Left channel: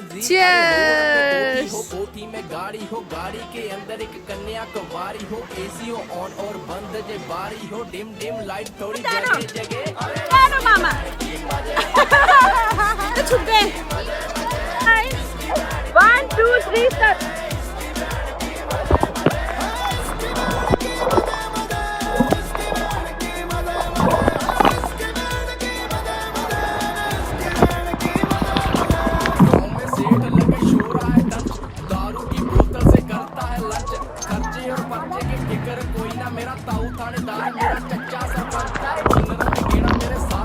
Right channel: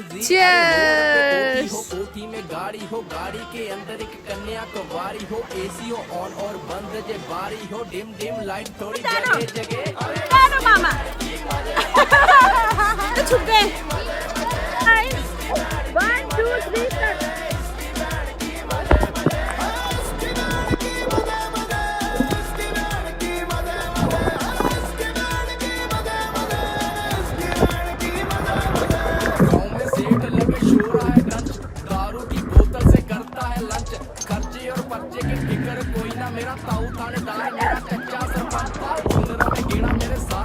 Cheers! हो कोठी में गाड़ी हो, गाड़ी के अंदर एक कन्या कुंवारी हो, एसी हो ऑन और बंद जे बारी हो, डिम डिम लाइट थोड़ी जगह जगह। Ano, mama? छुप गए। 1, 2, 3 start. गाँव में सेठ लगे शो रहा है टंच, दारू की बोतल से करता है लंच, खर्चे और पर्चे के फिक्र कोई ना, मेरा ताऊ थानेदार